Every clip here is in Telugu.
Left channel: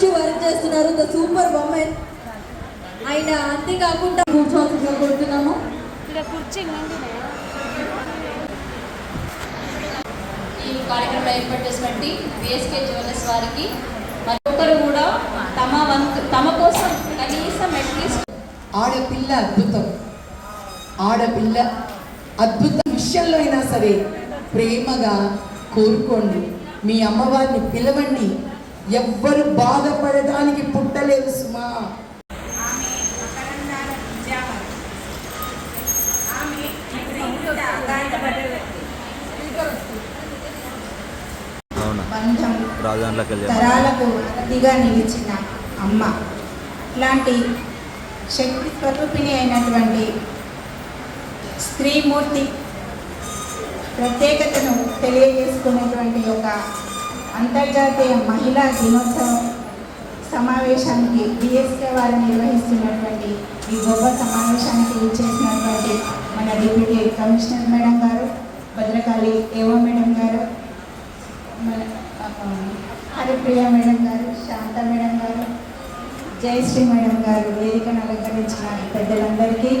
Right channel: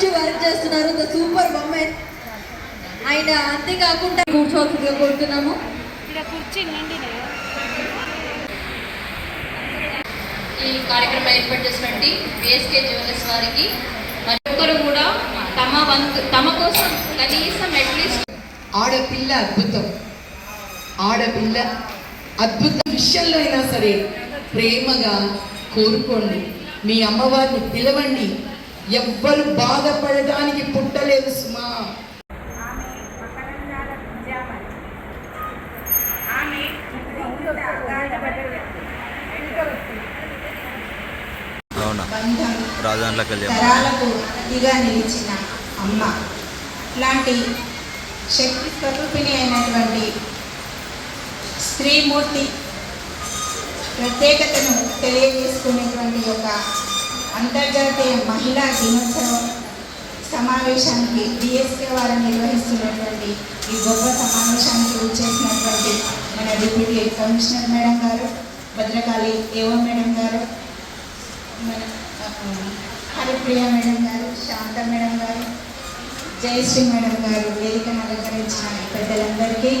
నుంచి వర్క్ చేస్తున్నారు. The super women. ఆయన అంతేకాకుండా కూర్చోవలసిందిగా కోరుతున్నాము. ఈ కార్యక్రమం ఏర్పాటు చేసినటువంటి బిఎస్కే జ్యువెలర్స్ వారికి ప్రతి ఒక్కరు కూడా తమ కోసం కనీసం అట్లీస్ట్ ఆడపిల్ల అద్భుతం, ఆడపిల్ల అద్భుత విషయంలో అయినా సరే ప్రేమగా కోరుకోండి. మీ అమ్మవారిని పిలవండి. ఎవ్వరు బాధపడడానికి పుట్టలేదు సుమా. తరాలకు అతిగా నిలిచిన అమ్మ ఇలాంటి శక్తి స్వరూపిణి అయినటువంటి స్త్రీమూర్తి ప్రత్యేకతను తెలియజేసుకునేటువంటి ఒక అంతర్జాతీయ మహిళా దినోత్సవం సమావేశానికి డిఎస్కే వారు నిర్వహిస్తున్నటువంటి ఈ గొప్ప సమావేశానికి వచ్చేసినటువంటి మన డిప్యూటీ కమిషనర్ మేడం గారు, భద్రకాళి ఏఓ మేడం గారు, మన హరిప్రియ మేడం గారు, శాంత మేడం గారు, జయశ్రీ మేడం గారు, వేదికను అలంకరించిన పెద్దలందరికీ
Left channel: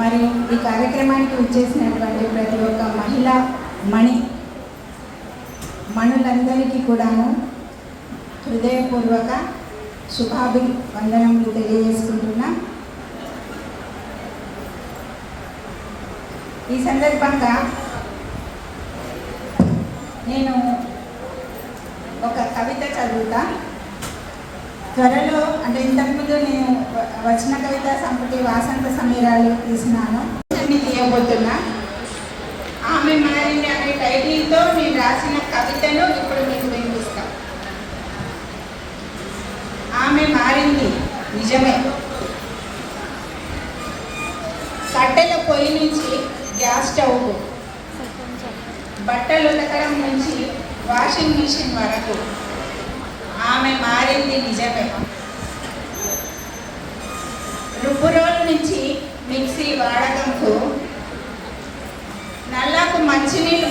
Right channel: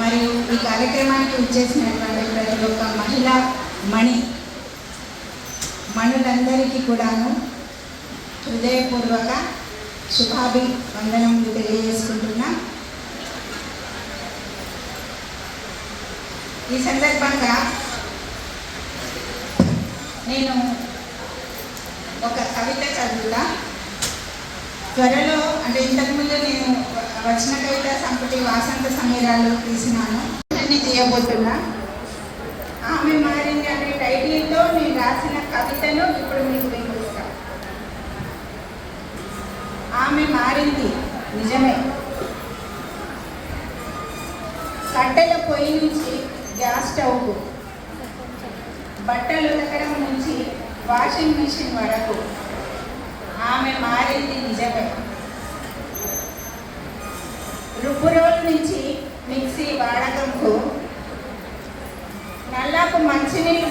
మరియు ఈ కార్యక్రమానికి వచ్చేసినటువంటి ప్రతి ఒక్క మహిళా మణులందరికీ కూడాను హృదయపూర్వక శుభాభివందనలు తెలియజేసుకుంటున్నా. ఈ సందర్భంగా నేను ఒక కవిత చదువుతా. త్వరలో అంటే ఇంతకుముందు నేను వచన కవిత సంపుటి వాసంత సమీరాలు తీసినాను, చేయబోతున్నా. ఆమె మారింది అనే టైటిల్తో నేను రాసిన కవితను ఇప్పుడు మీకు వినిపిస్తాం. ఆమె మారింది నిజమే. కట్టెల పొయ్యి నుంచి గ్యాస్ స్టవ్కు, బట్టలు ఉతకడం నుంచి వాషింగ్ మిషన్ వరకు ఆమె మారింది నిజమే. రుబ్బురోలు నుంచి మిక్సీ వాడకంకు, నల్లకు మంచినీళ్ళు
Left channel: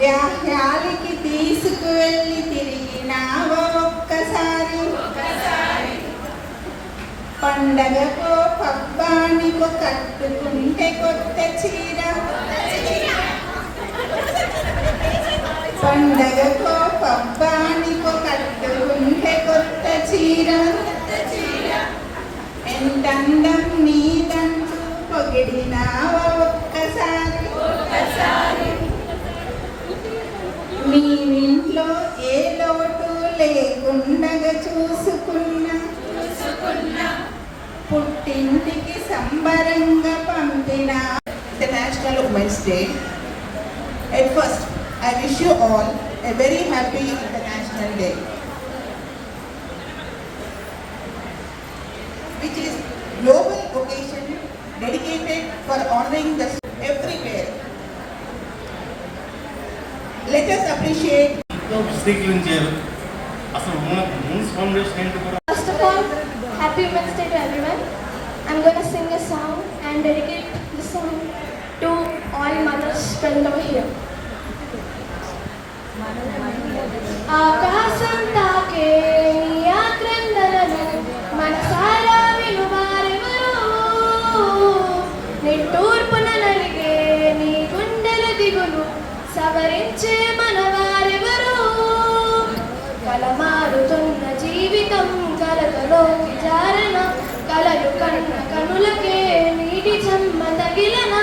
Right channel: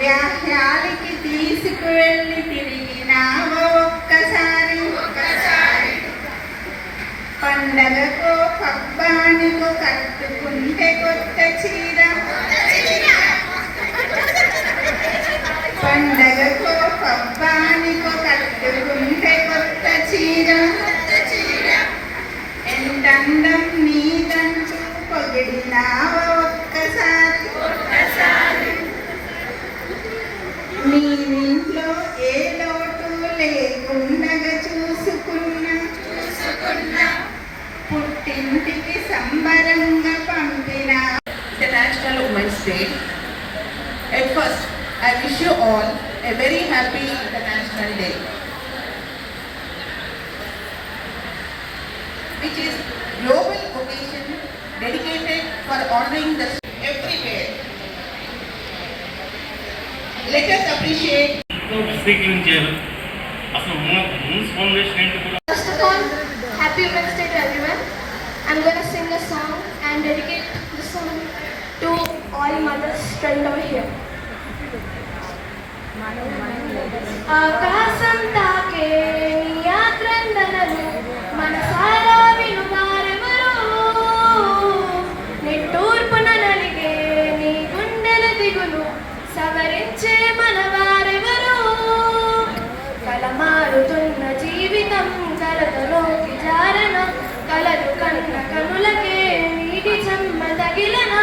వ్యాహ్యాలకి తీసుకువెళ్ళి తిరిగినావా ఒక్కసారి, పండగకో పబ్బానికో కట్టుకుంటే కొత్త చీర, పండగకో పబ్బానికో కట్టుకుంటే కొత్త చీర, ఎంత అందం నీదంటూ పొగిడినావా ఒక్కసారి, మీ ఇంట్లో ఏ లోటు లేకుండగా చూసుకున్నా, పుట్టింటికి సంబరంగా పంపిన. International Women's Day. At first, I wish you all a very happy International Day, which is global occasion dedicated for honoring the everywhere. Let us appreciate. First of all, happy Women's Day to everyone. I'm going to sing a song and dedicate the song to all mothers present over here. ఆకాశం తాకే నీ ఆక్రందనలు మనసారా వినువారెవరో, నిట్టూర్పున నలిగే నీ గుండెల దిగులు సవరించే మనవారెవరో, కలమారుతున్న జీవితం కలతలోకి జారన, కలలు కన్న కనులకే నీటి చెమ్మ తగిలన,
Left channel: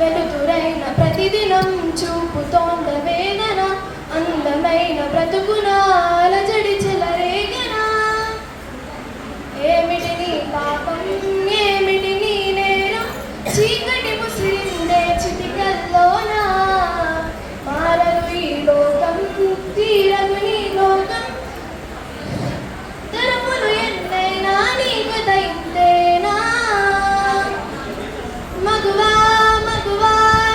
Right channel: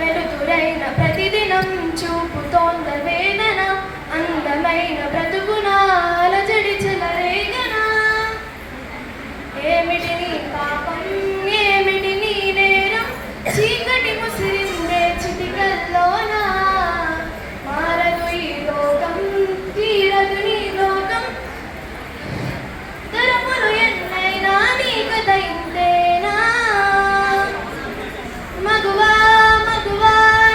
వెలుతురైన ప్రతిదినం చూపుతోంద వేదన, అందమైన బ్రతుకున అలజడి చెలరేగన, ఏమిటి నీ పాపం ఏమిటి నీ నేరం, చీకటి ముసిరిందే చిటికల్లోన, మారదు ఈ లోకం తీరదు నీ లోకం, తరపులు ఎన్నైనా నీ కథ ఇంతేనా, మగువా మగువా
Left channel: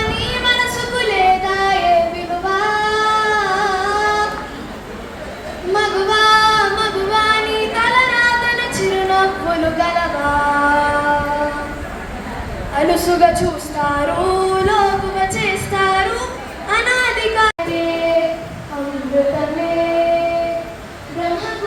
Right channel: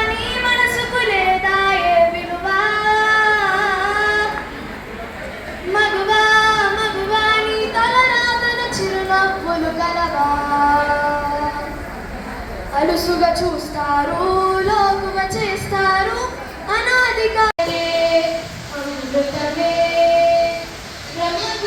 నీ మనసుకు లేదా ఏ విలువా, మగువా మగువా నీ తలరాతన చిరునవ్వులు గలవా, అలుసుగా చూస్తారు లోకుగా చేస్తారు అనాదిగా అమృతమే బ్రహ్మ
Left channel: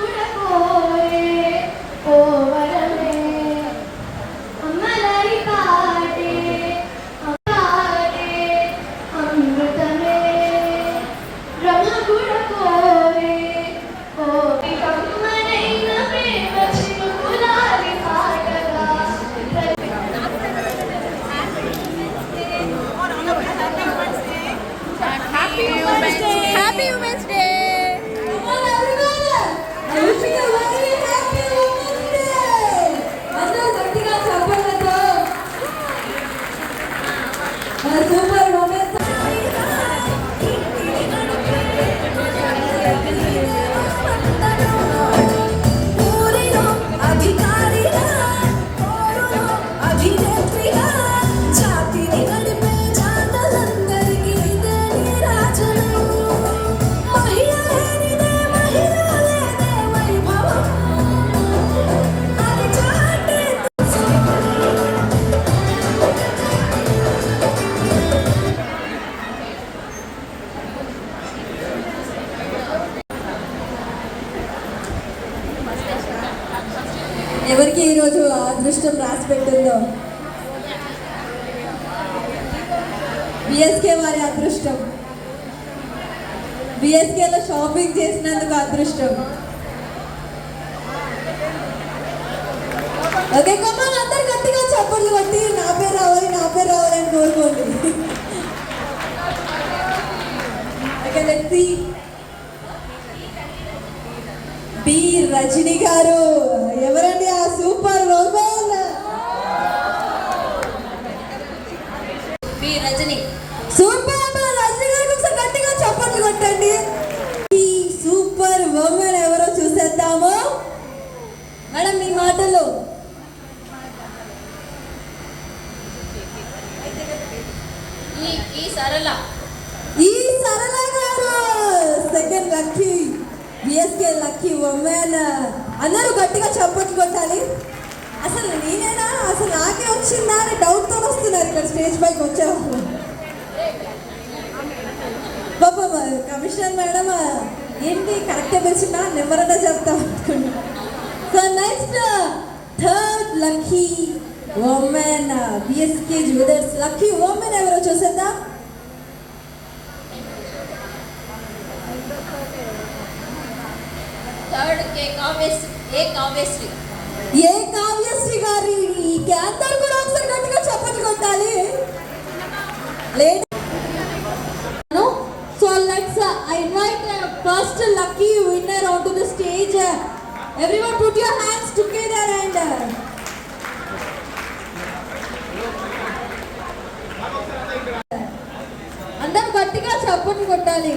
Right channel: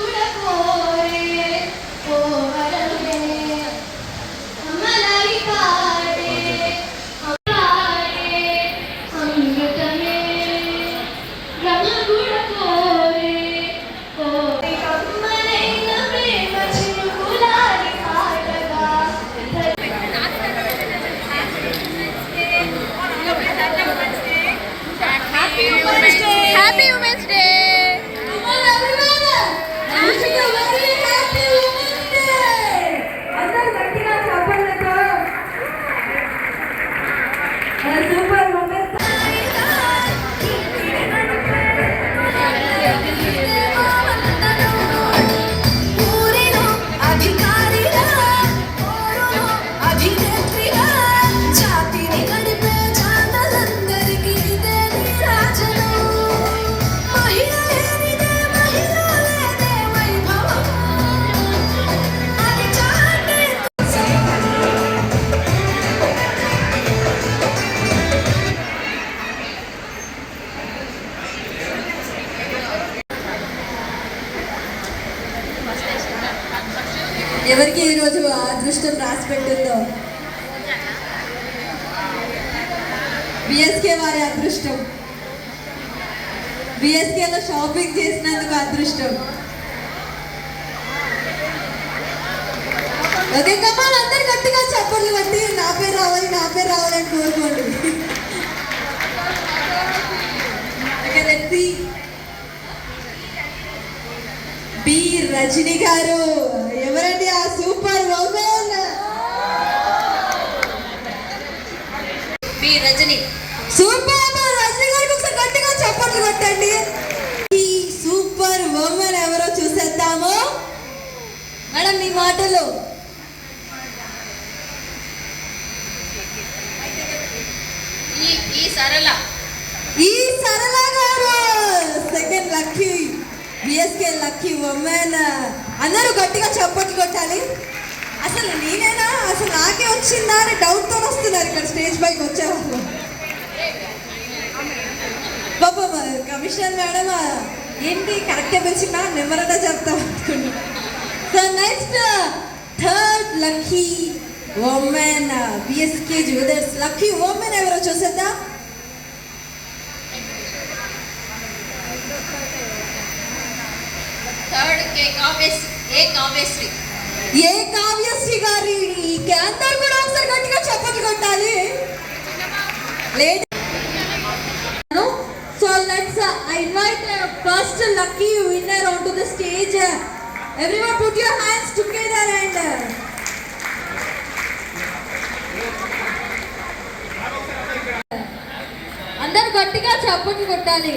ఎవరికి ఈరోజు అదృష్టం రాసి పెట్టిందో బిఎస్కే వారి అదృష్టం. బిఎస్కేలో షాపింగ్ చేసినందుకు అదృష్టం. ఓకే కమాన్, అందరు గట్టిగా చప్పట్లు కట్టి నా పేరు రావాలని కోరుకోండి. Okay let's see. B Rajani గారు, ఎవరండి ఆ super women? B Rajani. Super Rajani గారికి ఒకసారి గట్టిగా చప్పట్లు కొట్టండి. ఈ సూపర్ ఉమెన్ ఎవరో చూసేద్దాము. మేడం మీ మాటలు. ఈ సరళ గారు second lucky BSK lucky women. అందరూ గట్టిగా చప్పట్లు కొట్టాలి. అసలు నేనేనా, అసలు నాకే వచ్చిందా అని డౌట్తో వస్తున్నారు ఇక్కడ స్టేజ్ పైకి వచ్చారు. బాబా కమిషనర్ మేడం ఏంటి కరెక్టే పిలిచిందా, నెమ్మరగా చెప్తా అనుకున్నా. So next third lucky women BSK jewellers lucky women ఎవరో చూసేద్దాం. థర్డ్ ఏ కావ్యశ్రీ గారి. అందరూ కూడా ఒకసారి గట్టిగా చప్పట్లు కొట్టాలి. Late. So let's I invite first lucky winner on to the stage. Everyone put your hands together and అందరూ గట్టిగా చప్పట్లు కొట్టాలి.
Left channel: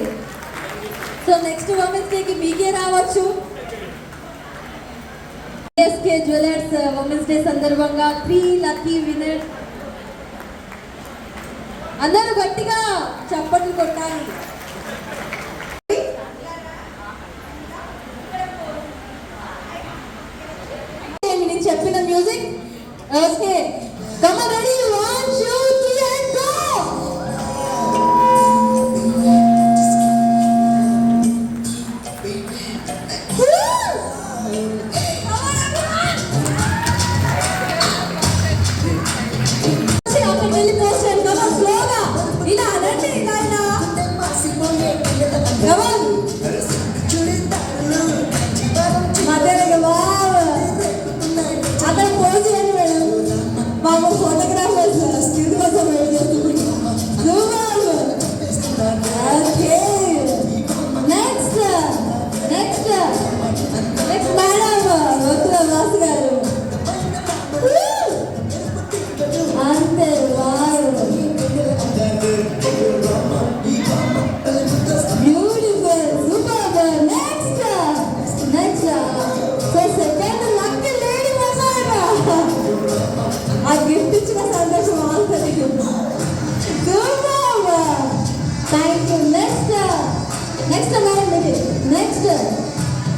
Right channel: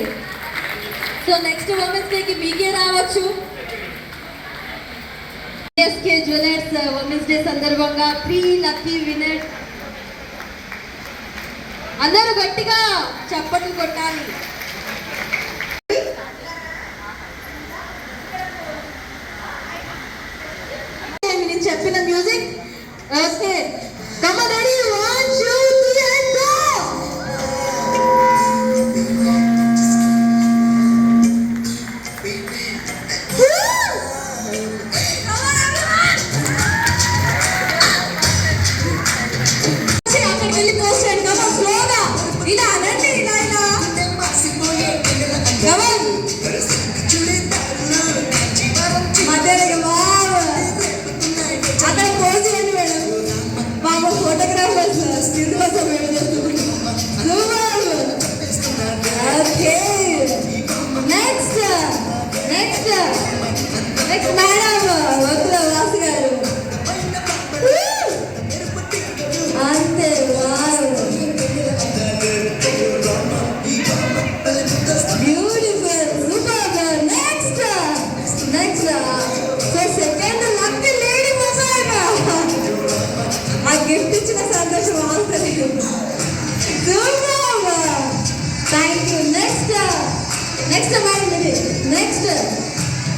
సో నెక్స్ట్ ఉమెన్స్ డేకి మీకే రావచ్చు. బిఎస్కే జ్యువెలర్స్ ఉమెన్స్ డే సందర్భంగా 3 లక్కీ విన్నర్. అందరూ గట్టిగా చప్పట్లు కొట్టాలి. నేను చెప్పిన music. Okay come on ready 1 2 3 and go.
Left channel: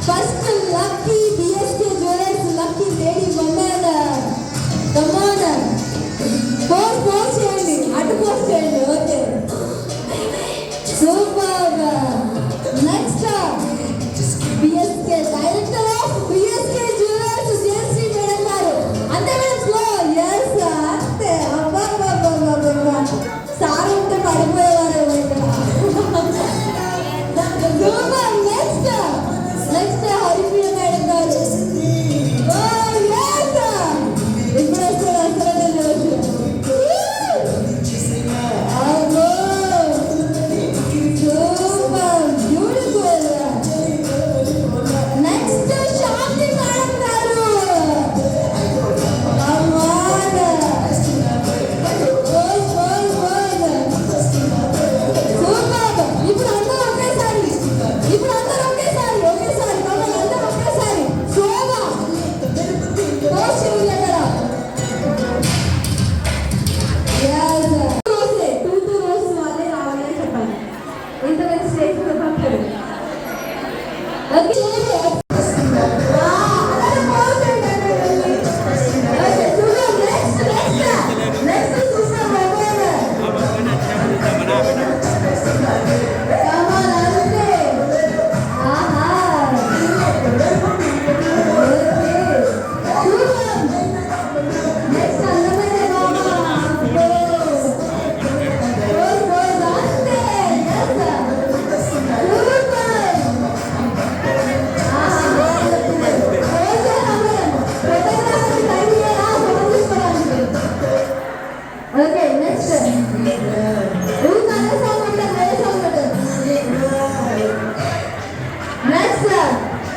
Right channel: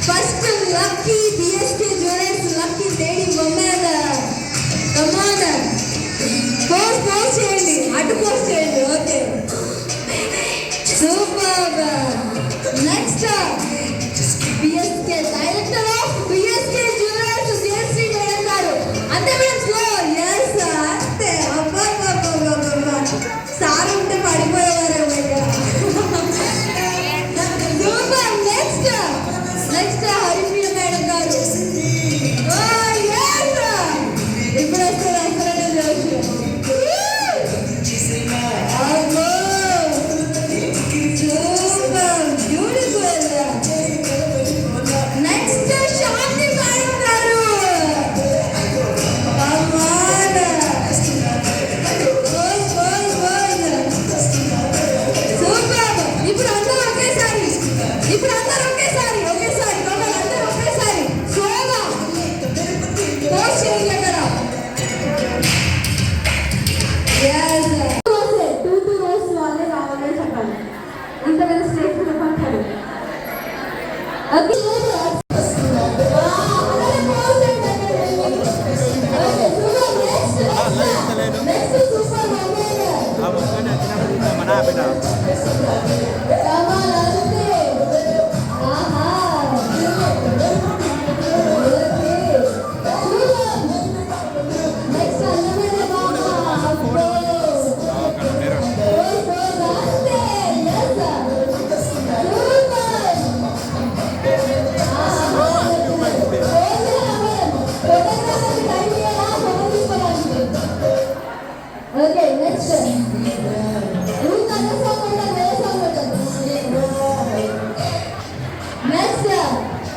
First lucky BSK Jewelers lucky lady woman. Come on. Post చేయండి. అటు post చేయండి. Okay. Super. Next BSK director of BSK Jewelers JC madam గారు. అంతే మేడం స్లో. yes అంతే. అబ్బా సార్ ఉంటే పడిపోయేవారు ఇక్కడ. Super. Next హరిప్రియ మేడం గారు. ఇప్పుడు నెక్స్ట్ శాంతి మేడం గారు. ఇప్పుడు అందరూ ఒకేసారి Super.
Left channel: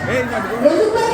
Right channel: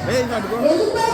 ఎందుకంటే